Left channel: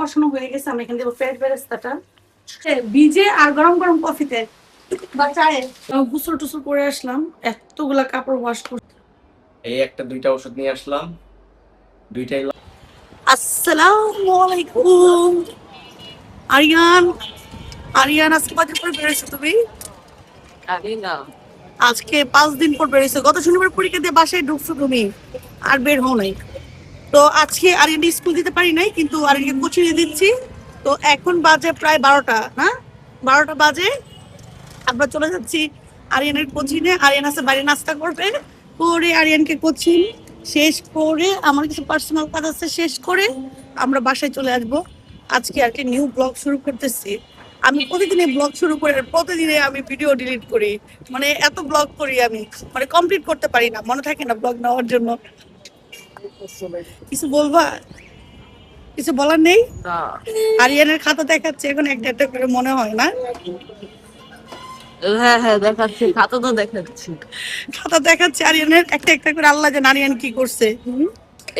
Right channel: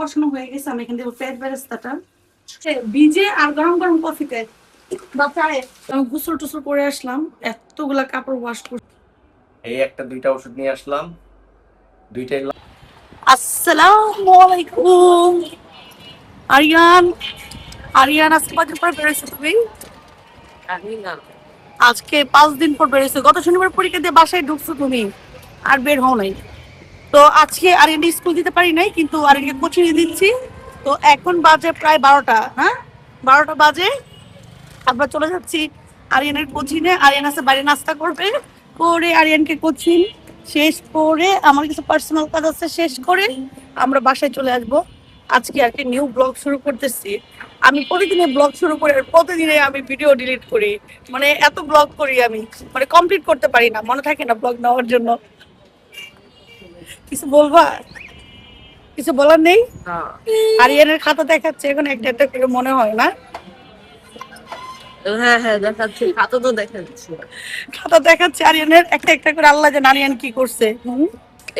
পড়াশোনা হয়ে গেছে, আমি এখান থেকে পেট বেরেস্তাটা ভিজে আর গরম গরম কফিতে বা চায়ে গোসল টুসল করে আসলাম। এতগুলা কাপড় ওয়াশ করে এই একটা দুইটা ওষুধ নিয়ে আসলাম, দুইটাই। আসসালামু আলাইকুম। আরিয়ান, আরিয়ান আজকে কদিন পর বেরোছো তুমি? আজকে 5 দিন পর বেরোছো। গত শনিবার পরীক্ষা দিয়ে বাসায় ঢুকছো তুমি, আর বের হও নাই। তো আজকে আরিয়ান স্কুল দিতে পারি নাই, কিন্তু আরিয়ানকে কোচিং দিচ্ছি। তো এখন বাজে প্রায় 12টা, না 12টা বাজে। আমরা চলে যাচ্ছি আরিয়ানের কোচিংয়ে। আরিয়ান আছে বাইরে নাস্তা করবে, করে আরিয়ানকে কোচিং শেষ করে আমার কিছু পার্সোনাল কাজ আছে শেষ করে আমরা বাসায় চলে আসব। আজকে আর কি নিউ ব্লগ শুরু করতেছি। আমি প্রতিদিনে ব্লগ শুরু করে প্রতিদিনে আমি ভিডিও ডিলিট করি, মানে এত ব্লগ করি আমি, মানে কমপ্লিট করতে পারি না, মনে থাকে না ব্লগ নেওয়ার জন্য। কিছু বলবা? কিছু বলার নেই? আরিয়ানের খাতা দেখাচ্ছে এখন একটা একটা করে, মনে হয় না? হ্যাঁ হ্যাঁ দেখাচ্ছি, খাতা তো দেখাচ্ছি। খাতা দেখাচ্ছে আরিয়ানের একটা একটা করে। আল্লাহ জানে আরিয়ান কি করছে।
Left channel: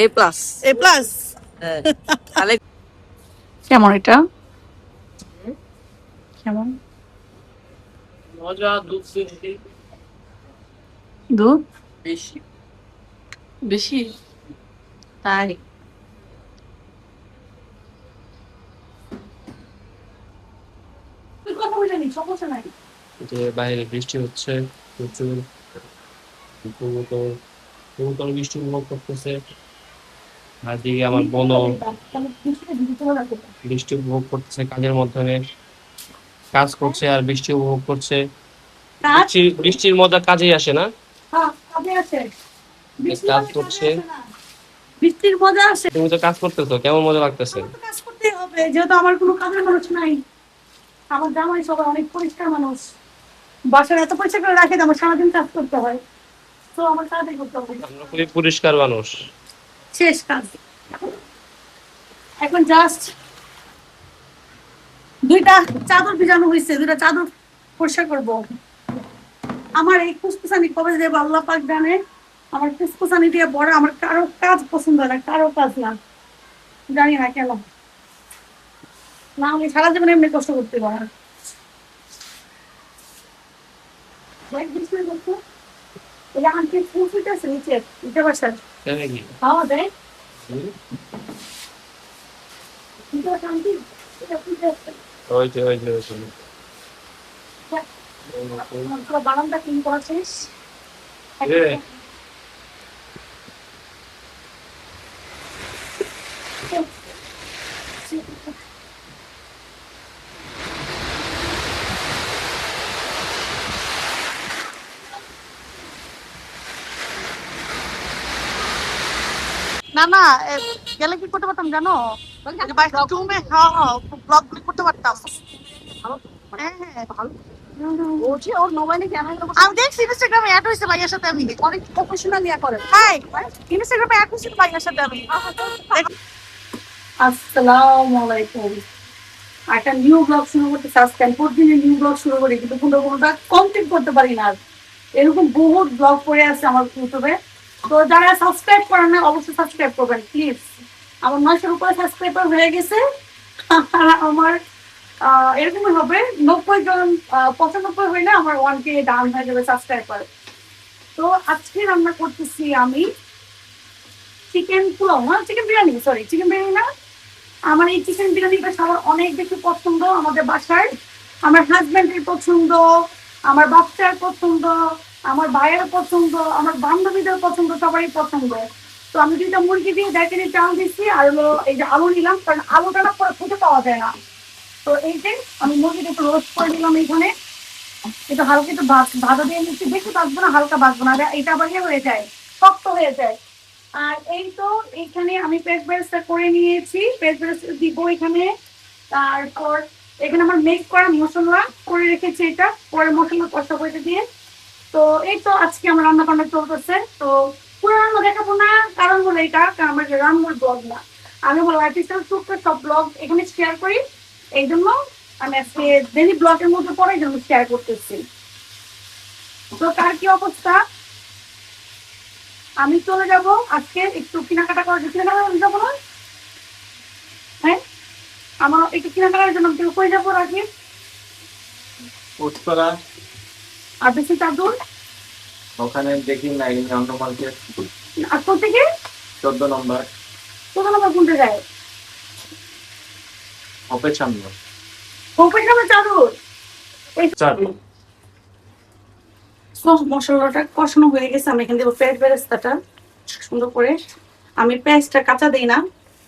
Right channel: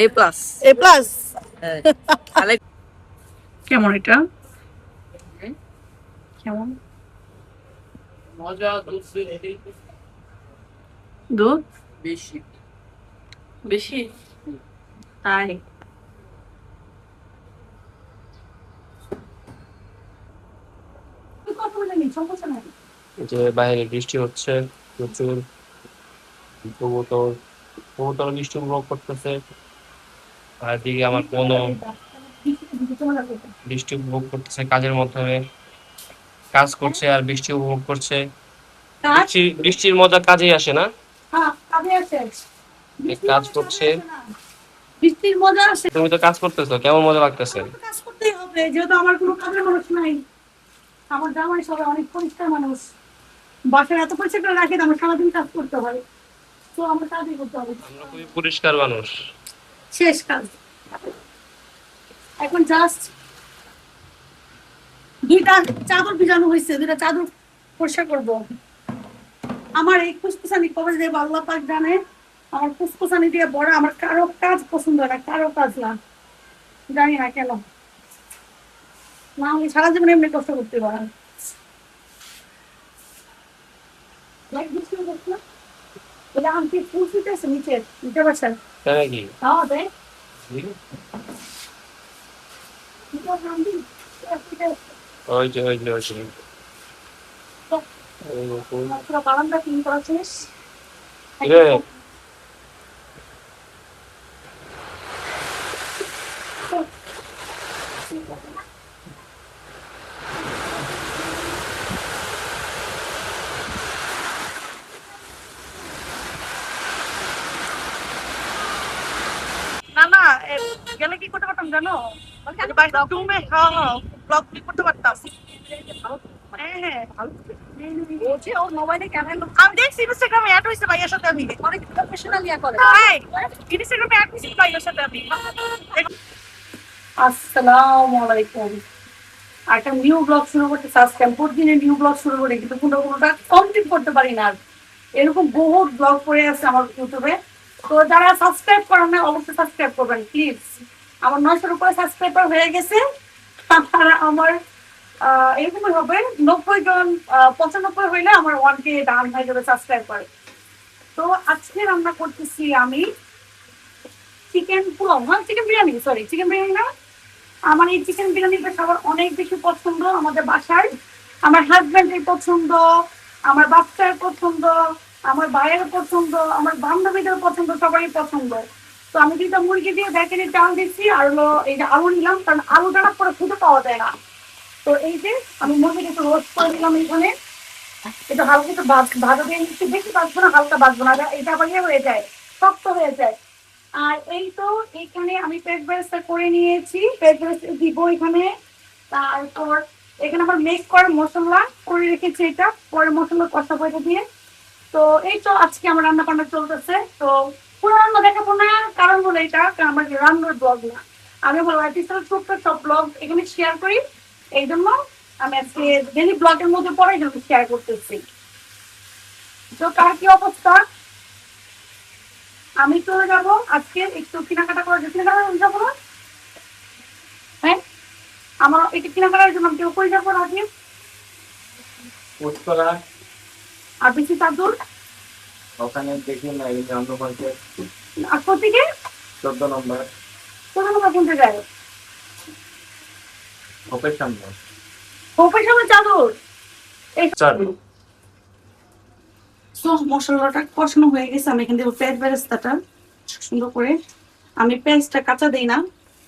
এ প্লাস। এ প্লাস। তাহলে কেমন এটা? কেমন মজা? দুধ দুধ বেশি। বেশি? তাই? কথা বলে নি, সমস্যা নাই। যে বাইরে বৃষ্টি হচ্ছে প্রচুর, কবুতর কবুতর বৃষ্টি উপভোগ করতেছে। আর দিকে আমার বোনও বৃষ্টি উপভোগ করতেছে, কাজের মাধ্যমে কাজ করছে আর বৃষ্টি উপভোগ করছে। কাজ? বৃষ্টির মজা কাজেই আসে না? হ্যাঁ, কাজে আছে। কাজ করছে। বৃষ্টির মজা আসে। তুমি তো কাজ করতেছো, কেমন মজা লাগতেছে? আমার তো কাজ করতেই হবে, যেহেতু আমার কোনো কাজের মানুষ নাই। আমার জামাই সবাই অনেক পরিষ্কার মানুষ, বাসায় এত পরিষ্কার করে রাখে, আমার সারাদিন কাজ করতে হয়। তো আমার কাজই করতে হবে। আমরা খুবই পরিষ্কার মানুষ। শেষ কাজ। এখন জাস্ট দুইটা চাদর ভিজানো হয়েছে, দুইটা চাদর পরিষ্কার করবো। আমার এই ফুসফুসানি কবে দেবো আল্লাহ পাক জানে। আমার ফুসফুসানি দিয়ে বড়, আমার কারো কাজ পছন্দ হয় না, কারো কাজ না, জানি না কেন। না হলে সারা জীবন এমনি কষ্ট করতে পারে। আন্টি ফুল ফুটেছে নিচে, নিচে বসার তাই নাকি? খাওয়া দেয়। নিচে বসে আন্টি ফুটেছে। ওই যে ওই যে ওই যে পুরো বারান্দা ক্লিন করা শেষ। না না, গেলে কি করতে পারতাম জানো? ব্লগ করতে পারতাম। হ্যাঁ হ্যাঁ, আমি দেখছি ইনস্টাগ্রামে অ্যাড হয়েছে ভাইয়ার সাথে। আমি ইনস্টাগ্রামে অ্যাড হয়েছি ভাইয়ার সাথে আমি। আসসালামু আলাইকুম। একটা নিউ ব্লগ শুরু করতে আজকে আমি প্রতিদিনের নিউ ব্লগ শুরু করি, কিন্তু কোনোটা কমপ্লিট করতে পারি না। এরকম বহুত ব্লগ পড়ে আছে আমার ইউটিউবে। তো যারা সাবস্ক্রাইব করেন না অবশ্যই সাবস্ক্রাইব করবেন প্লিজ। আমার 900-র উপরে সাবস্ক্রাইবার হয়ে গেছে। আর আমার এরকমই হবে 90 জন, 95 হইলে আমার 1K ডাউন হয়ে যাবে সাবস্ক্রাইবার। তো আজকে রান্না করতেছি আমি চিকেন পোলাও, না chicken biryani, sorry chicken biryani না। আমার এই চিকেন বিরিয়ানিটা সবার অনেক বেশি পছন্দ আমাদের বাসার। আমার হাজব্যান্ডের পছন্দ, আমার বাচ্চার পছন্দ, আমার ভাইয়ের পছন্দ, আমার বান্ধবীদের পছন্দ, সবারই পছন্দ। তো আমি 2টা মুরগি দিয়ে দেখেনি চাল দিচ্ছি, আর হলো এই যে আলু নিলাম, কারণ আলুটা না করে খুঁজে পাওয়া যায় না। তো এই যে আমি মুরগিটা একটু রোস্ট করে দিলাম এখানে। এটা হালকা একটু ভাজা দিয়ে নিচ্ছি, বেশি ভাজবো না, হালকা ভাজবো না, এটা আবার হয়ে যায়, শক্ত হয়ে যায়। আর এই তো এইখানে আমি পেস্ট বেরেস্তা করে নিয়েছি, পেস্ট বেরেস্তা দিব এখানে। তারপর এখানে আমার মেক করা মশলা করে রেখেছি, এটা পরে মশলা কষা করে দিয়ে। তো এই তো আজকে আমার রান্না বান্না চলতেছে। তো পুরো রান্না দেখাবো না, কারণ হলো এটা আমার রান্নার ব্লগ না, আমি আমার লাইফস্টাইল সব ব্লগ এখানে শেয়ার করি। এই জন্য আমি আজকে ডেলি ব্লগের মধ্যে পরে জন্য শেয়ার করতেছি। তো কার কি অবস্থা? আমি চলে যাব আজকে একটু কেনাকাটা করার জন্য। কেনাকাটা যাবো না? হ্যাঁ, আমার এটা কিনা করার জন্য আমি উপরে যাবো রাখি। উত্তরা আর বেশি চাদর ওখানে দেখি না, এই অন্য মার্কেট আর কোথেকে 14 নম্বর কোথাও আমার কোনটা যায় হপের সামনে। কোপের সামনে চাদর। চার সব মশলাটা কষানো হয়ে গেছে। আমি এখান থেকে পেঁয়াজ বেরেস্তাটা সুন্দর করে, আমি পেঁয়াজটা কাঁচা দিই না,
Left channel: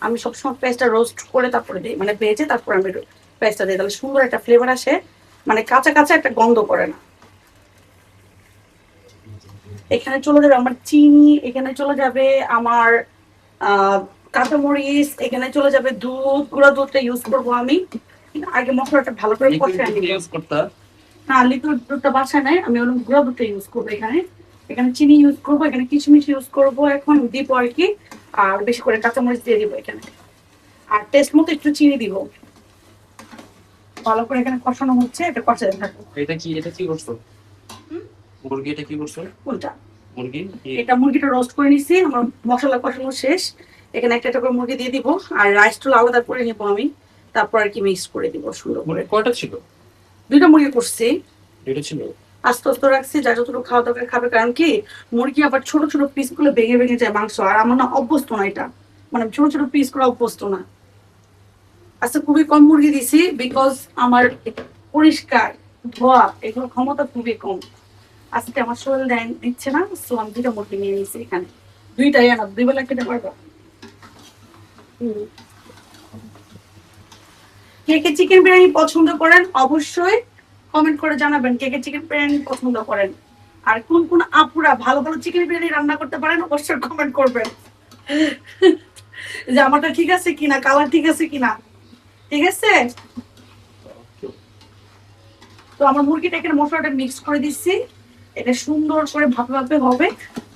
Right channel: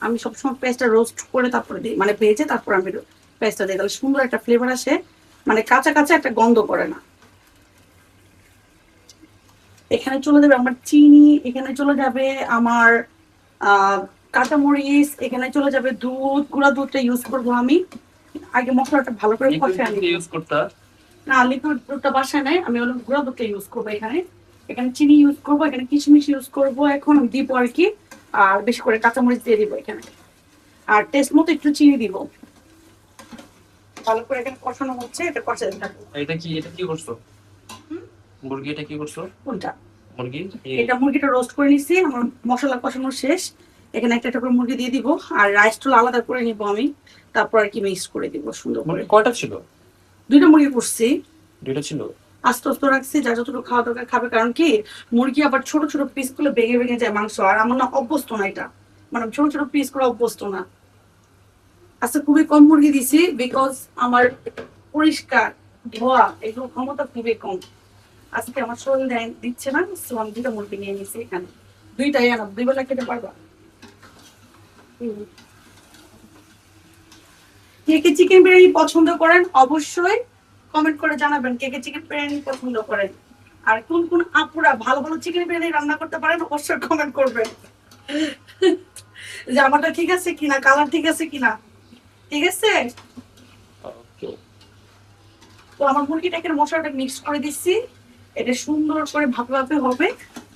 আমি সবসময় পেঁয়াজটা রোস্ট করে তারপরে দিই, মানে ভেজে তারপর আমি পেঁয়াজটা দিই, তাহলে সুন্দর একটা ফ্লেভার আসে, মানে কাঁচা কাঁচা একটা গন্ধ করে না। এখানে চলে যাবে আমার চিনি, এখানে চলে যাবে আমার কাঁচামরিচ, এখানে চলে যাবে দুধ, গুঁড়া দুধটা ইউজ করবো আমি। আগে মশলাটা ভালো করে কষে আনি। ইউজ করতে না, লিকুইড দুধটা বাসায় নাই, আমি হলো গুঁড়া দুধটা ইউজ করবো এখানে। এখানে চিনি ইউজ করবো, এখানে কিশমিশ ইউজ করবো, এখন দিব আর কি। আর বেশি করে কাঁচামরিচ দিয়ে দিব এখানে, আর টেস্ট মতো একটু চিনি দিব। ভালো করে এখানে কষানো হচ্ছে, এটা কষাতে থাকবো। এটা কি করছো? মুরগি এটা কি করছো? কোনটা? মুরগি এটা মুরগিটা রোস্ট করে নিছি, আমার মশলা কষানো শেষ। এখানে একটা একটা করে মুরগি দিয়ে দিব, আর রাইসটা আলাদা করে নিব আমি, তারপর আর কি মিক্স করে দিব সুন্দর করে। মুরগি কয়টা ছিল? 2টা মুরগি করছি, 2টা ছিল। আস্তে আস্তে রাখছি, যা যতটুকু খাওয়া দরকার খাবে, কারণ কি মুরগি আবার ছোট ছোট পিস গুলো ভেঙে ভেঙে যায় মাংস, আর আমার না অভ্যস্ত না এটা, মানে ছোট ছোট পিস করে অভ্যস্ত না। আচ্ছা, খুবই কম মুরগি দিছি, বিকজ আমার পরিষ্কার ধোয়া এগুলো ক্ষমতা খুবই কম। আজকে আমার শরীর দিচ্ছে না, সো আমি 2টা মুরগি নিয়ে নিছি এখানে। 2টাই আনা, 2 বেলা খেতে পারবা। কে কে চিকেন বিরিয়ানি পছন্দ করেন অবশ্যই কমেন্ট করে জানাবেন, কে কে চিকেন বিরিয়ানি পছন্দ করেন, আর কোন কোন আপুরা ভালো ভালো চিকেন বিরিয়ানি রান্না করতে পারেন অবশ্যই কমেন্ট করবেন যে আমারটা ঠিক আছে কিনা, কালার ঠিক আছে কিনা। ঠিক আছে, তো আমার মুরগিটাকে মশলাটা মিক্স করে দিচ্ছি, এটা সুন্দর করে ভাপে ভাপে হবে।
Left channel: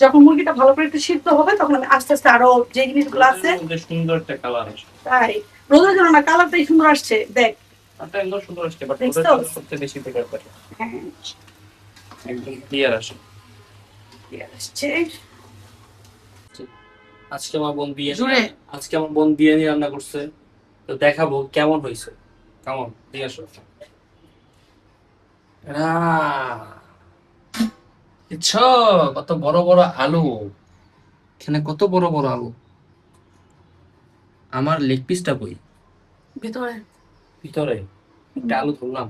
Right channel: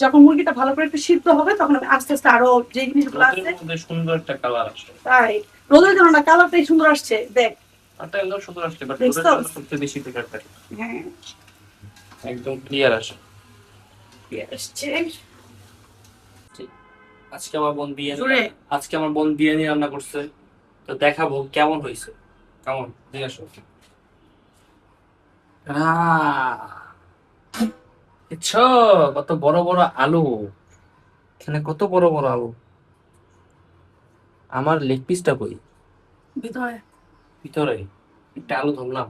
যখন মুরগিটা ভালো করে একটু সিদ্ধ হবে, তখন আমি আস্তে আস্তে আরো যে জিনিসগুলো আছে, সুন্দর একটা কালার আসে। তাই রোদের জন্য না, কালারটাই সুন্দর আসছে, দেখ এটা একদম সুন্দর আসছে, বাট দেখছো? ওটার জন্য সবচেয়ে বেশি বেকার থাকে, হ্যাঁ একদম ক্লিয়ার আসে। আসছে। আজকে আমার বোন জোরে। বিরিয়ানি রান্না করছে, তো দেখাবো কেমন হয়েছে। কেমন নিয়ে আসো। দেখছো কত বড় বড় আলু, এখানে কত বড় বড় আলু। আমার লেগ পিসটা কই? ভিতরে ভিতরে একটা আলু ধরলাম।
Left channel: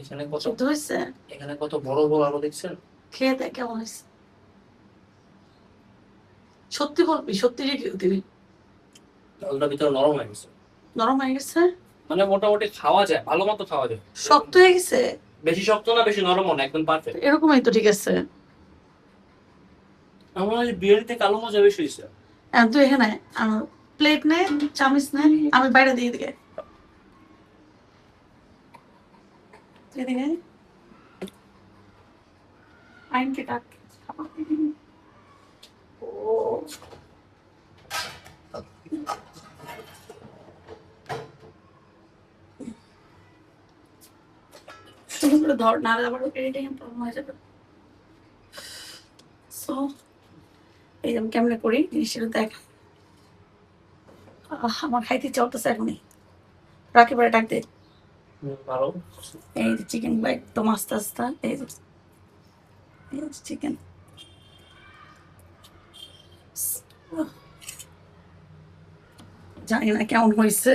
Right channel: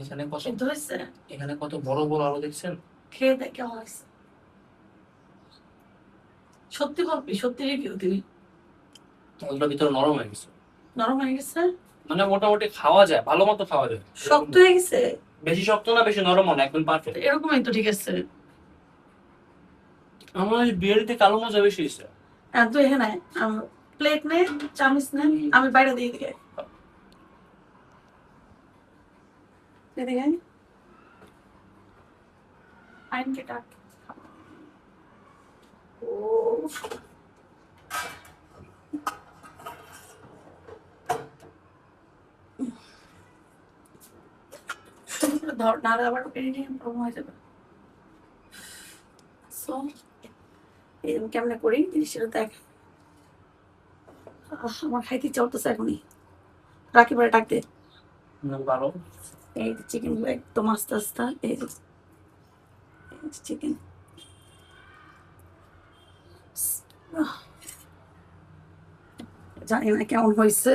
এখানে কত সিদ্ধ হয়েছে, এখানে কত বড় বড় আলু দেখছেন? খেয়ে দেখ কেমন হয়েছে। সত্যি বলবি, সত্যি রিভিউ দিবি। আলুটা ভিতরে নরম হয়ে গেছে, নরম হয়ে গেছে, মানে মোটামুটি খাওয়া যায়, ভালো মতো খাওয়া যায়। শক্ত হয়ে গেছে, বেশি শক্ত না বেশি নরম না, একদম পারফেক্ট। এরকমই তো ঠিক আছে। আমার এই বিরিয়ানিতে কালো মজা বেশি হয়েছে। তো এখানে প্লেট নে, চামচ নে, আমি বাইরে দিয়ে দিকে এদিকে আইনকে ডাক। ও ধর, নাহলে আবার এডিটিং প্রবলেম হয়ে যাবে। সো এই আমি কেমনে করি জিনিসটা দেখ। আমার খাইতে চলতেছে এখনই, রাখি পরে ডাক দে। এই যে চিকেন গুলো একদম আস্তে আস্তে, এই যে চিকেন জানি না কেমন হয়েছে।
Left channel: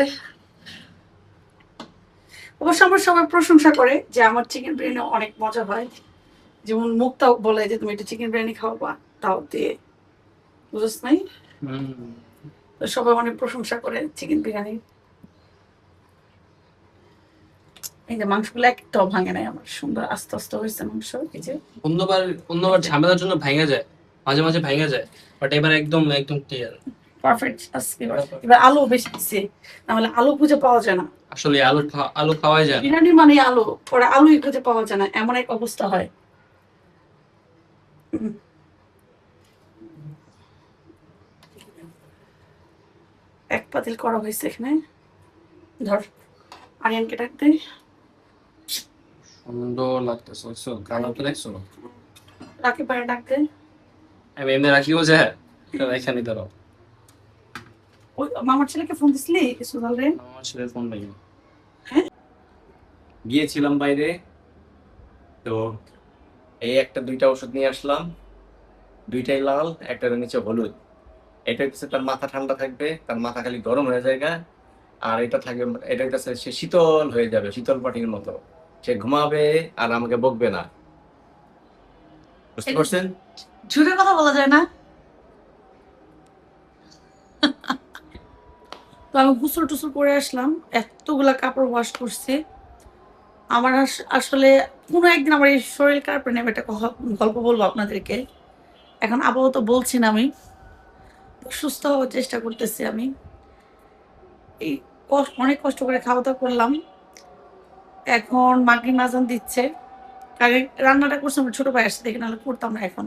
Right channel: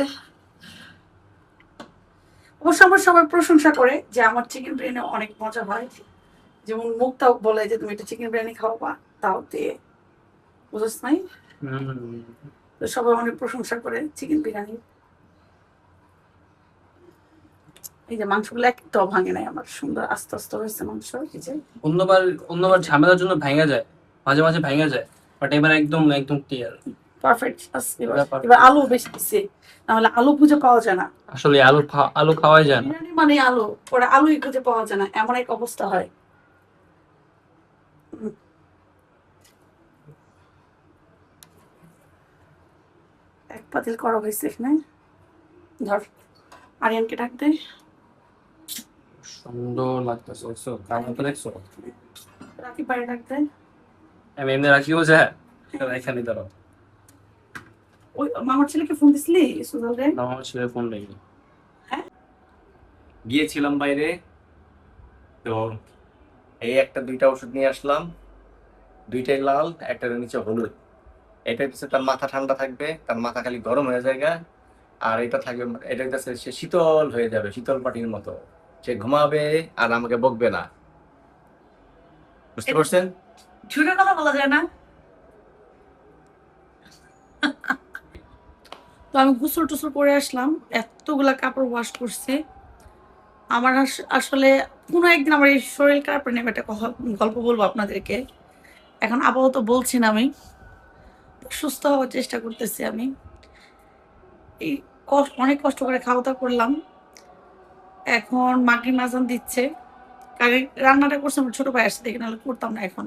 অবশ্য আমার সবাই প্রশংসা করে যে আমার চিকেন বিরিয়ানি অনেক মজা হয়, যেমন মুক্তাও বলে যে তুমি একটু চিকেন বিরিয়ানি খাওয়া তাও দিয়ে, বুঝছ নাই? তো সবাই অনেক প্রশংসা করে চিকেন বিরিয়ানি। এই যে মাংসগুলো একটাও ভাঙে নাই আমার, সুন্দর আস্তে আস্তে হয়েছে মাংস। এই যে অন্যবার ঝামেলার জন্য ভাঙা যায়, মাঝে মাঝে ভাঙা যায়, বাট এবার একদম একদম ক্লিয়ার পারফেক্ট। এবার আলু বেশি দিচ্ছি, নাহলে আলু খুঁজে পাওয়া যায় না। আসলে আলু খাওয়াই যায় না। বিরিয়ানি মানে আলু, ওরা আলুই খুঁজে পাওয়া যায় না, এমন এক অবস্থা হয়। এক পাতিল করা হয়েছে এখানে, ধর আরিয়ানকে ডাক দে। সুন্দর লাগতেছে, দেখছো কালারটা দেখছো? রাখি পারে ডাক দে। আমি এমনি রাখিও যায়, এখানে দাঁড়াও। ওই মামার ছেলেকে ফোন দিছিলি সুজাল রে? না, আমার ছেলে ফোন নেয়নি। গিয়েছিলাম বাইরে, তো এই একটা দুইটা ওষুধ নিয়ে আসলাম, দুইটাই লাল, একটার নিচে হলুদ। এটা হচ্ছে তার মাথা ঠান্ডা থাকবে, তার মাথা খালি গরম হয়ে যায়, আর এটা থাকবে, এটা হচ্ছে সে শীতল হয়ে যাবে, শীতল পাটির মতো। সে ঘুমাবে আর আমাকে বকবে না, বুঝতে পারছেন? ঝুটের কথা বলা যায় না। তো আমি গোসল টুসল করে আসলাম, এতগুলা কাপড় ওয়াশ করছি। আমার আসলে কোনো একদিন আমার এই শরীর খারাপ নিয়ে আমি একটা গল্প বলবো আপনাদেরকে। এখন আপাতত বলছি না, আমি সুস্থ হওয়ার চেষ্টা করতেছি। আমি এই অনেক কষ্ট করে খাওয়া দাওয়া করলাম, এখন মাগরিব আজান দিচ্ছে। কারণ রান্নাটা করছে আমার ছোট ভাই আসছে দেখে, নাহলে করতাম না এখন।